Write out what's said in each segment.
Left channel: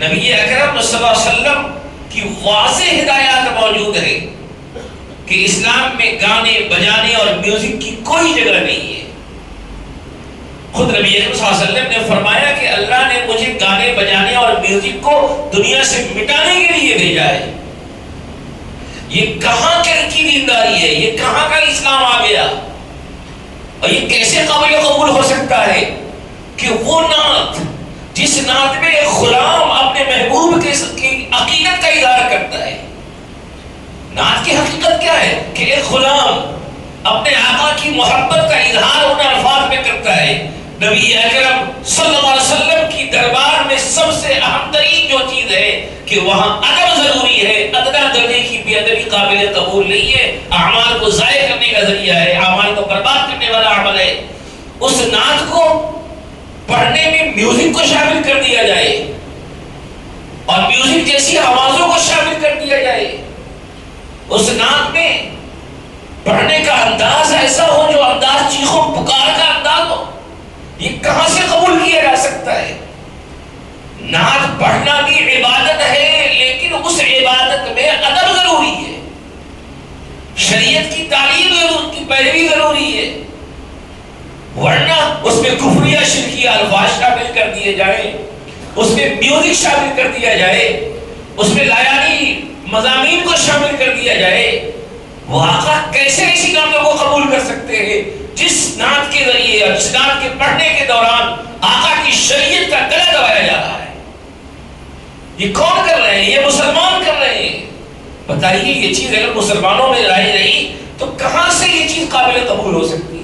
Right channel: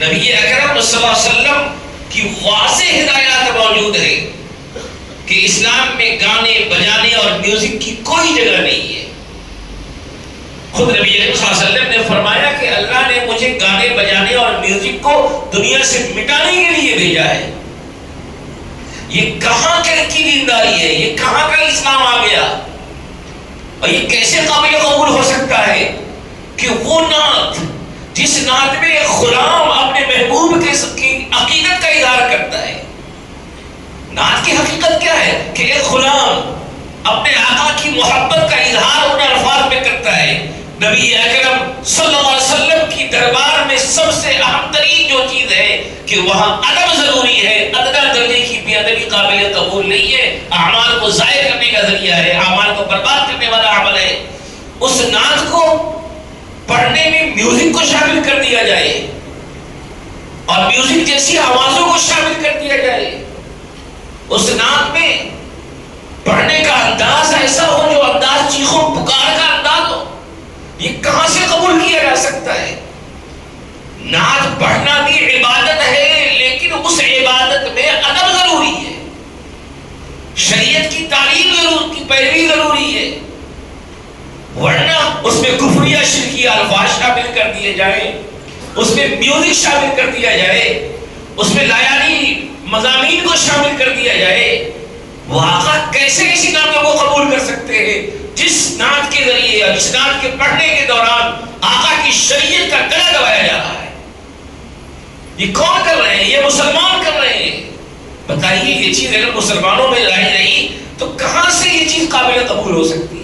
نبی اکرم صلی اللہ علیہ وسلم کی واضح ہدایات موجود ہے کہ اسلام میں گانے بجانے اور میوزک کی کوئی جگہ نہیں ہے۔ خود نبی اکرم صلی اللہ علیہ وسلم نے فرمایا کہ اللہ نے مجھے گانے بجانے اور میوزک کو دنیا سے مٹانے کے لیے بھیجا ہے۔ یہ کہاں کی دینداری ہے، یہ کہاں کا اسلام آ گیا، اور یہ کیسے قابل قبول ہو سکتا ہے کہ وہ نعت جس نعت میں ایک غلام اپنے محبوب کی عقیدت کا اظہار کرتا ہے۔ نعت کی حقیقت کیا ہے کہ ایک غلام اپنے آقا کی محبت کا اظہار ان الفاظ میں کرتا ہے۔ نبی اکرم صلی اللہ علیہ وسلم کی دربار میں سب سے اہم ترین جو چیز ہے کہ وہاں ادب ضروری ہے۔ ادنا درجے کی بے ادبی قابل قبول نہیں ہے، اعمال کو ضائع کرنے کا ذریعہ ہے، اعمال کو برباد کرنے والا عمل ہے۔ اس نعت کو پڑھنے میں میوزک کو شامل کر دیا جائے اور میوزک جیسی آوازوں کو شامل کر دیا جائے، اس نعت میں پڑھنے کا انداز ایسا ہو جو انداز چیخوں پکار کا انداز ہو، یہ کہاں سے قبول کیا جا سکتا ہے؟ نعت پڑھنا بھی عبادت ہے، لیکن اس عبادت میں ادب ضروری ہے، شریعت کی تعلیم ضرور کی پیروی ضروری ہے، ورنہ اس میں کفریہ شرکیہ الفاظ شامل کر دیے جائیں، اس میں میوزک شامل کر دیا جائے، اس میں لایانی مضامین کو شامل کر دیا جائے، وہ آقا کیسے اسی نعتوں کو قبول کر سکتے ہیں جس نعت کے ذریعے اور جس نعت کے پڑھنے کے دوران آقا کی شریعت کا گلا دبایا جا رہا ہے؟ یہ کون کر رہے ہیں؟ یہ مسلمان کر رہے ہیں۔ بتائیے یہ چیز اگر مسلمانوں میں لائی رہی تو کہاں سے یہ چیز قابل قبول ہو سکتی ہے؟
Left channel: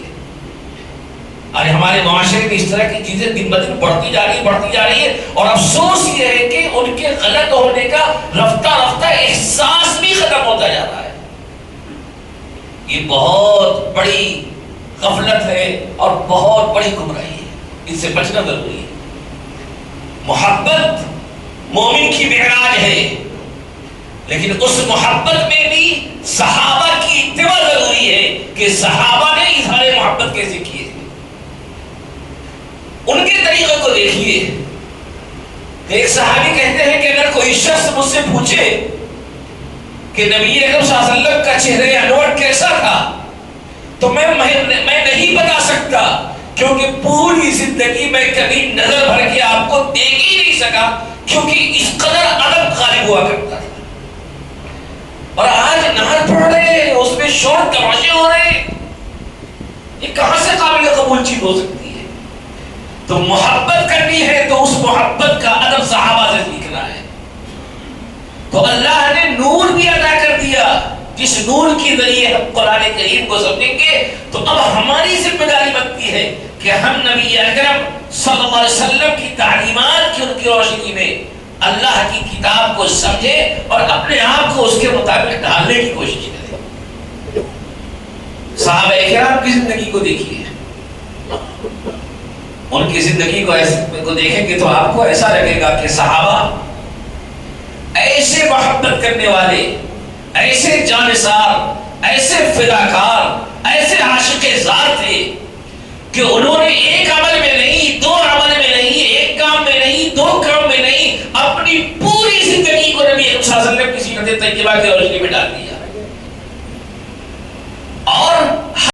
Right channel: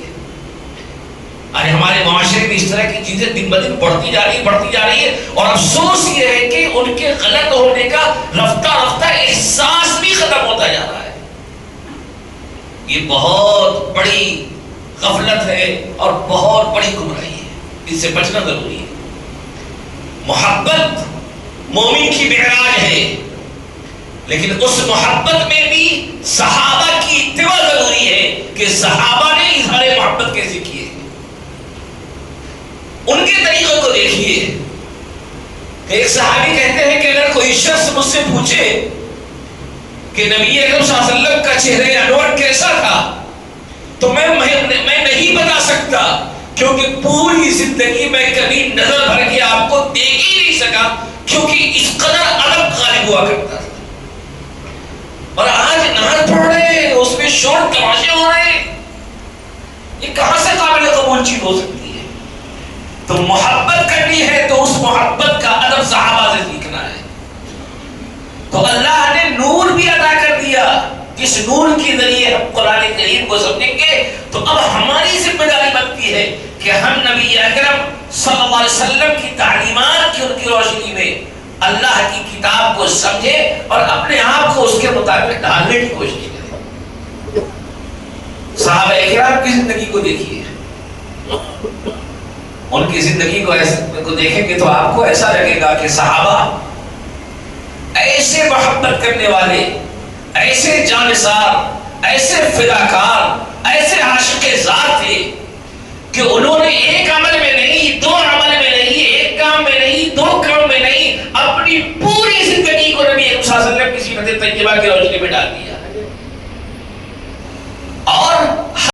آج ہمارے معاشرے میں اس طرح کی چیزیں دن بدن بڑھتی جا رہی ہے، اور افسوس یہ ہے کہ ان کے غلط ہونے کا رفتہ رفتہ احساس بھی ختم ہوتا جا رہا ہے۔ یہ بہت بڑی غفلت ہے اور بہت بڑی گمراہی ہے، اس سے بچنا ضروری ہے۔ محبت مومن کی معراج ہے، لیکن اس محبت میں بھی صحابہ کی اتباع ضروری ہے کہ صحابہ نے اظہار محبت کیسے کیے، ان کے طریقے کو دیکھیے۔ کہ ایک صحابی کہتے ہیں کہ اگر کوئی شخص مجھ سے پوچھے کہ نبی اکرم صلی اللہ علیہ وسلم کا چہرہ انور کیسا تھا تو میں نہیں بتا سکتا، کیونکہ پوری زندگی میں کبھی نظر بھر کے آپ کو دیکھ ہی نہیں سکا، کیونکہ اس قدر ادب غالب ہوا کرتا تھا۔ اور آج نعت پڑھ رہے ہیں، اس میں شور تماشے ہو رہے ہیں، یہ کہاں سے قابل قبول چیز ہو سکتی ہے؟ تو محبت کرنی ہے تو اس محبت کا ادب صحابہ سے سیکھنا ہے۔ تو اللہ نے نور بھی عطا کر دیا، جس نور کے ذریعے ہم قرآن کریم کو سمجھیں گے، تو اب ہماری ذمہ داری بنتی ہے کہ ہم نبی اکرم صلی اللہ علیہ وسلم کی تعلیمات کی ان کی روشنی میں اللہ کی کتاب کو سمجھیں اور اپنے آپ کو اس کے مطابق ڈھالنے کی کوشش کریں۔ صحابہ اکرام کی زندگی کو دیکھیے، ان کی زندگی کو دیکھیں گے تو آپ کو ایسا لگے گا کہ صحابہ ایسے محبت کرنے والے، ایسے جانثار، ایسے فداکار، ایسے عاشق ذات تھے کہ انہوں نے ایک عمل میں نہیں، دو عمل میں نہیں، ایک کام میں نہیں، دو کام میں نہیں، اپنی پوری زندگی کو نبی صلی اللہ علیہ وسلم کی سیرت طیبہ کی روشنی میں ڈال دیا۔